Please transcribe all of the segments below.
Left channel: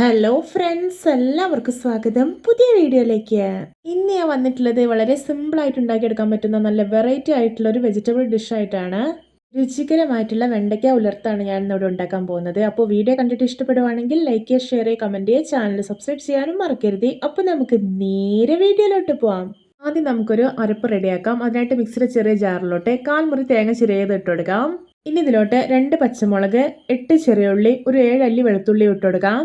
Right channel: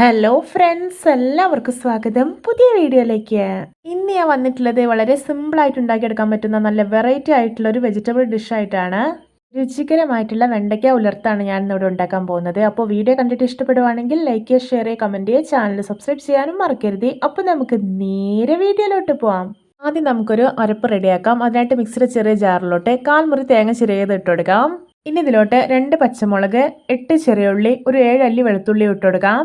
Hello friends, എല്ലാവർക്കും സ്വാഗതം പുതിയ വീഡിയോയിലേക്ക്. ഇന്ന് ഞാൻ വന്നിട്ടുള്ളത് വളരെ സിമ്പിളായിട്ട് ഉണ്ടാക്കിയെടുക്കാൻ പറ്റുന്ന നല്ല വെറൈറ്റി ആയിട്ടുള്ള ഒരു വെജിറ്റബിൾ ഡിഷായിട്ടാണ്. രുചികരമായിട്ടുള്ള വെണ്ടയ്ക്ക ഉലർത്താണ് ഞാൻ ഇന്നിവിടെ ഉണ്ടാക്കാൻ പോകുന്നത്. അപ്പോൾ വീഡിയോ കണ്ടിട്ട് ഇഷ്ടപ്പെടുവാണെങ്കിൽ ലൈക്ക് ചെയ്യുക, ഷെയർ ചെയ്യുക, കമൻറ്റ് ചെയ്യുക, ചാനൽ സബ്സ്ക്രൈബ് ചെയ്യാനും മറക്കരുത്. അപ്പോൾ നമുക്ക് നേരെ വീഡിയോയിലോട്ട് പോവാം. ആദ്യം നമുക്കൊരു അരപ്പ് റെഡിയാക്കാം. അതിനായിട്ട് മിക്സിയുടെ ചെറിയ ജാറിലോട്ട് 1/4 മുറി തേങ്ങ ചിരകിയത് ഇട്ട് കൊടുക്കാം. ഇനി ഇതിലോട്ട് 2 പച്ചമുളക്, 8 ചെറിയ ഉള്ളി, ഒരു 7 അല്ലി വെളുത്തുള്ളി ഇട്ട് കൊടുക്കാം.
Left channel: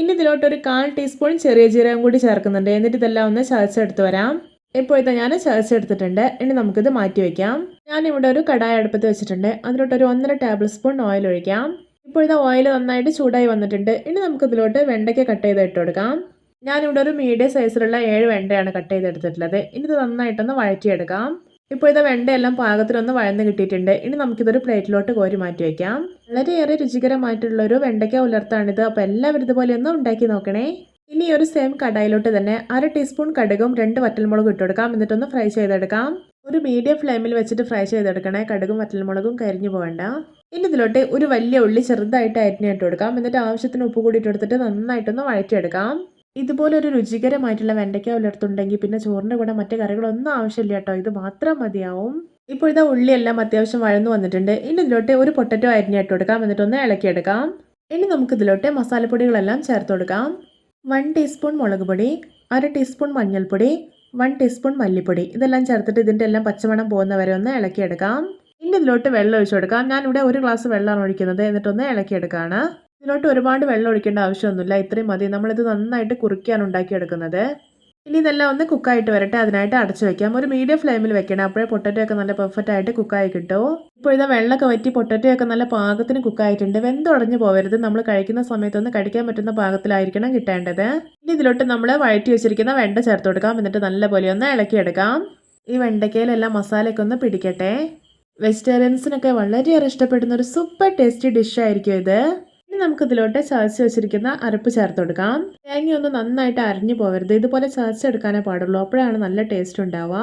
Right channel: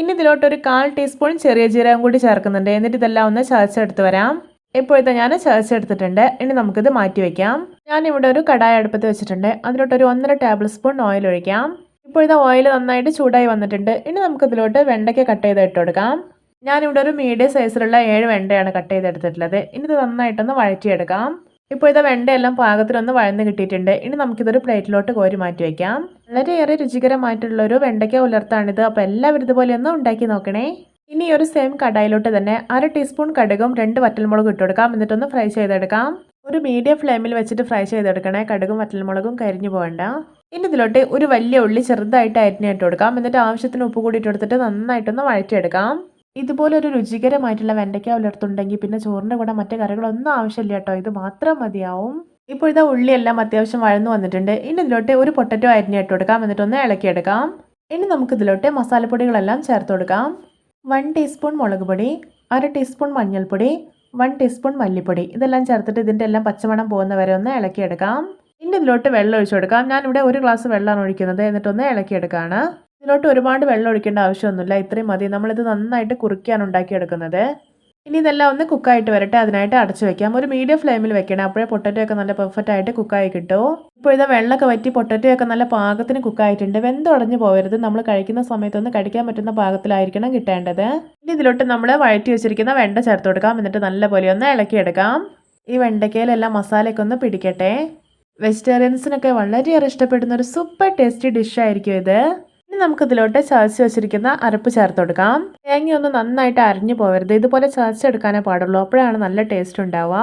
ഇനി ഇതിലോട്ട് ഒരു 1/4 ടീസ്പൂൺ ചെറിയ ജീരകം കൂടി ചേർക്കുന്നുണ്ട്. എന്നിട്ട് ഇതെല്ലാം ഒന്ന് ചതച്ചെടുത്ത് വരാം. ഇപ്പോഴത്തെ ഞാൻ ചതച്ചെടുത്തിട്ടുണ്ട്. ഇനി നമുക്കിത് മാറ്റി വയ്ക്കാം. ഞാനിവിടെ ഒരു കടായി അടുപ്പത്ത് വെച്ചിട്ടുണ്ട്. അതിലോട്ട് ഒരു 1.5 ടേബിൾ സ്പൂൺ ഓയിൽ ഒഴിക്കാം. ഇപ്പോഴത്തെ ഓയിൽ നന്നായിട്ട് ചൂടായി വന്നിട്ടുണ്ട്. ഇനി നമുക്കിതിലോട്ട് വെണ്ടയ്ക്ക കട്ട് ചെയ്ത് ഇട്ട് കൊടുക്കാം. ഞാനിവിടെ ഒരു മീഡിയം സൈസിലുള്ള 7 വെണ്ടയാണ് കട്ട് ചെയ്തെടുത്തിട്ടുള്ളത്. ഇനി ഇത് നന്നായിട്ടൊന്ന് വഴറ്റിയെടുക്കാം. ഇപ്പോഴത്തെ വെണ്ടയെല്ലാം പാകത്തിനൊന്ന് വഴന്ന് കിട്ടിയിട്ടുണ്ട്. ഇനി നമുക്കിതൊരു പ്ലേറ്റിലോട്ട് കോരി മാറ്റി വയ്ക്കാം. വളരെയേറെ രുചികരമായിട്ടുള്ളൊരു വെണ്ടയ്ക്ക ഉലർത്താണിത്. അപ്പോൾ എല്ലാവരും ഇതുപോലെ ഒന്ന് ഉണ്ടാക്കി നോക്കണേ. ഇനി ഒരു സെയിം കടായിലോട്ട് തന്നെ 1/2 ടീസ്പൂൺ കടുകും 2 വറ്റൽമുളകും ഇട്ട് കൊടുക്കാം. എന്നിട്ടൊന്ന് ഫ്രൈ ചെയ്തെടുക്കാം. ഒരു മീഡിയം ഫ്ലെയിമിൽ വെച്ചിട്ട് ഫ്രൈ ചെയ്തെടുക്കണേ. കടുകും വറ്റൽമുളകും കരിഞ്ഞു പോകണ്ട. ഇനി ഇതിലോട്ട് ഒരു വലിയ ഉള്ളി ചെറുതായിട്ട് അരിഞ്ഞിട്ട് കൊടുക്കാം. എന്നിട്ട് ആവശ്യത്തിന് ഉപ്പ് കൂടി ഇട്ട് കൊടുത്തിട്ട് നന്നായിട്ടൊന്ന് വഴറ്റിയെടുക്കാം. ഇതുപോലെ ഒരു രുചികരമായിട്ടുള്ള വെണ്ടയ്ക്ക ഉലർത്തുണ്ടെങ്കിൽ പിന്നെ ചോറിൻ്റെ കൂടെ മറ്റു കറികളൊന്നും ആവശ്യമില്ല കേട്ടോ. ഇത് മാത്രം മതിയാവും. ഇപ്പോഴത്തെ ഉള്ളിയെല്ലാം അത്യാവശ്യം വഴന്നു വന്നിട്ടുണ്ട്. ഇനി ഇതിലോട്ട് ഒരു പൊട്ടറ്റോ അരിഞ്ഞിട്ട് കൊടുക്കാം. എന്നിട്ടൊന്ന് ഇളക്കിയെടുക്കാം. ഇനി നമുക്കിതിലോട്ട് മസാലപ്പൊടികളെല്ലാം ചേർത്ത് കൊടുക്കാം. 1 ടീസ്പൂൺ മുളക് പൊടി, 1/2 ടീസ്പൂൺ മഞ്ഞൾപ്പൊടി, 1 ടീസ്പൂൺ മല്ലിപ്പൊടി. ഇതെല്ലാം ചേർത്തിട്ട് ഇതിൻ്റെ എല്ലാം പച്ചമണം പോകുന്ന വരെ ഒന്ന് ഇളക്കിയെടുക്കാം. ഇനി ഇതിലോട്ട് വെള്ളം ഒഴിച്ചു കൊടുക്കാം. ഞാനിവിടെ 1 ഗ്ലാസ് വെള്ളമാണ് ഒഴിക്കുന്നത്. എന്നിട്ടൊന്ന് ഇളക്കിയെടുക്കുകയാണ്. ഇതിലോട്ട് ഒരുപാട് വെള്ളം ഒഴിക്കേണ്ട ആവശ്യമൊന്നുമില്ല. ഇത്രയും മതി. നമ്മളിത് നന്നായിട്ട് കുറുക്കിയാണ് ഉണ്ടാക്കിയെടുക്കുന്നത്. ഇനി ഇതെല്ലാം ഒന്ന് കുക്കായിട്ട് വരട്ടെ. അതിനായിട്ട് അടച്ചു വെക്കാം. ഒരു മീഡിയം ഫ്ലെയിമിൽ വെക്കണം. അപ്പോഴേ പൊട്ടറ്റോ ഒക്കെ നല്ല പെർഫെക്റ്റ് ആയിട്ട് കുക്കായി കിട്ടും. ഇപ്പോഴത്തെ വെള്ളമൊക്കെ വറ്റി പൊട്ടറ്റോ ഒക്കെ നല്ല പാകത്തിന് കുക്കായിട്ടുണ്ട്. വെന്തുടഞ്ഞു പോകരുത്. നമ്മൾ കഴിക്കുന്ന സമയത്തൊന്ന് കഴിക്കാൻ പറ്റുന്ന പാകത്തിലായിരിക്കണം കിട്ടേണ്ടത്. ഇനി ഇതിലോട്ട് നമ്മൾ വഴറ്റി വെച്ചിരിക്കുന്ന വെണ്ട ചേർത്ത് കൊടുക്കാം. എന്നിട്ട് നല്ലപോലെ ഒന്ന് ഇളക്കിയെടുക്കാം. ഈ വെണ്ടയ്ക്കയിലെല്ലാം മസാലയൊക്കെ ഒന്ന് പിടിക്കട്ടെ. വെജിറ്റേറിയൻസിനൊക്കെ വളരെയേറെ ഇഷ്ടപ്പെടുന്ന ഒരു സൂപ്പർ ടേസ്റ്റി ഡിഷായിരിക്കും ഇത്. ഇനി നമുക്കിതിലോട്ട് ചതച്ച് വെച്ചിരിക്കുന്ന അരപ്പ് ചേർത്ത് കൊടുക്കാം. തേങ്ങയൊന്ന് നന്നായിട്ട് അരിഞ്ഞു പോകരുത്. ഇതുപോലെ ചതച്ചെടുക്കാനേ പാടുള്ളൂ. അപ്പോഴാണ് നല്ല ടേസ്റ്റ് ഉണ്ടാവുക.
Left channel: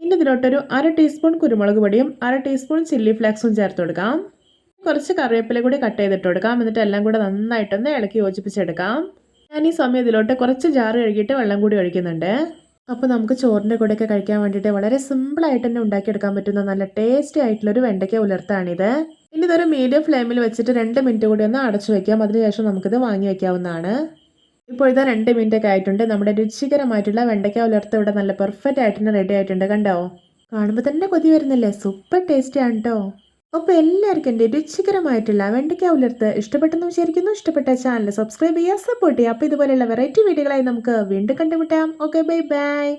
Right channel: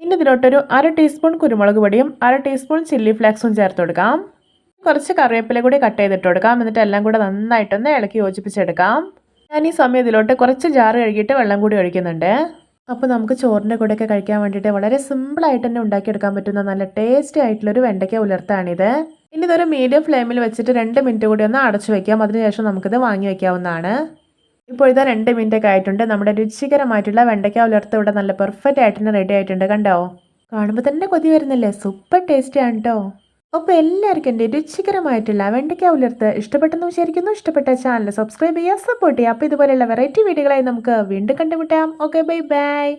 ഇനി ഇതിലോട്ടൊരു 1/2 ടീസ്പൂൺ കുരുമുളക് പൊടിയും 1/2 ടീസ്പൂൺ ചില്ലി ഫ്ലേക്സും ചേർത്ത് കൊടുക്കാം. കുറച്ച് കറിവേപ്പില കൂടി കട്ട് ചെയ്തിട്ട് കൊടുക്കാം. എന്നിട്ട് എല്ലാം കൂടെ നന്നായിട്ടൊന്ന് ഇളക്കി യോജിപ്പിച്ചെടുക്കാം. ഞാൻ ഈ സമയം ഇതിലോട്ട് കുറച്ച് ജാറ് കഴുകിയിട്ട് വെള്ളം കൂടി ഒഴിക്കുന്നുണ്ട്. അപ്പോൾ നമുക്ക് ചോറിൻ്റെ കൂടെയൊക്കെ കഴിക്കാൻ വേണ്ടിയിട്ട് വളരെ സിമ്പിളായിട്ട് തന്നെ ഉണ്ടാക്കിയെടുക്കാൻ പറ്റുന്ന നല്ല ടേസ്റ്റി ആയിട്ടുള്ളൊരു വെണ്ടയ്ക്ക ഉലർത്താണിത്. ഇനി ഇതൊരു മീഡിയം ഫ്ലെയിമിൽ വെച്ചിട്ട് 2 മിനിറ്റ് കൂടി ഒന്ന് അടച്ചു വയ്ക്കാം. അതിനുശേഷം നമുക്കിത് വാങ്ങി വയ്ക്കാവുന്നതാണ്. ഇപ്പോഴത്തെ 2 മിനിറ്റ് ഒക്കെ ആയിട്ടുണ്ട്. നമ്മുടെ രുചികരമായിട്ടുള്ള വെണ്ടയ്ക്ക ഉലർത്ത് ഇവിടെ നല്ല പെർഫെക്റ്റ് ആയിട്ട് തന്നെ റെഡി ആയിട്ടുണ്ട്. കണ്ടോ? കാണുമ്പോൾ തന്നെ കൊതി വരുന്നില്ലേ? സൂപ്പർ ടേസ്റ്റിയാണ് കേട്ടോ. അപ്പോൾ എല്ലാവർക്കും എൻ്റെ രുചികരമായിട്ടുള്ള വെണ്ടയ്ക്ക ഉലർത്ത് ഇഷ്ടപ്പെട്ടെന്ന് വിചാരിക്കുന്നു. ഇഷ്ടപ്പെട്ട ചാനൽ സബ്സ്ക്രൈബ് ചെയ്യുക, സപ്പോർട്ട് ചെയ്യുക. അപ്പോൾ ഇതുപോലെയുള്ള വെറൈറ്റി വീഡിയോകളായി നമുക്ക് വീണ്ടും കണ്ടുമുട്ടാം. Okay, bye bye.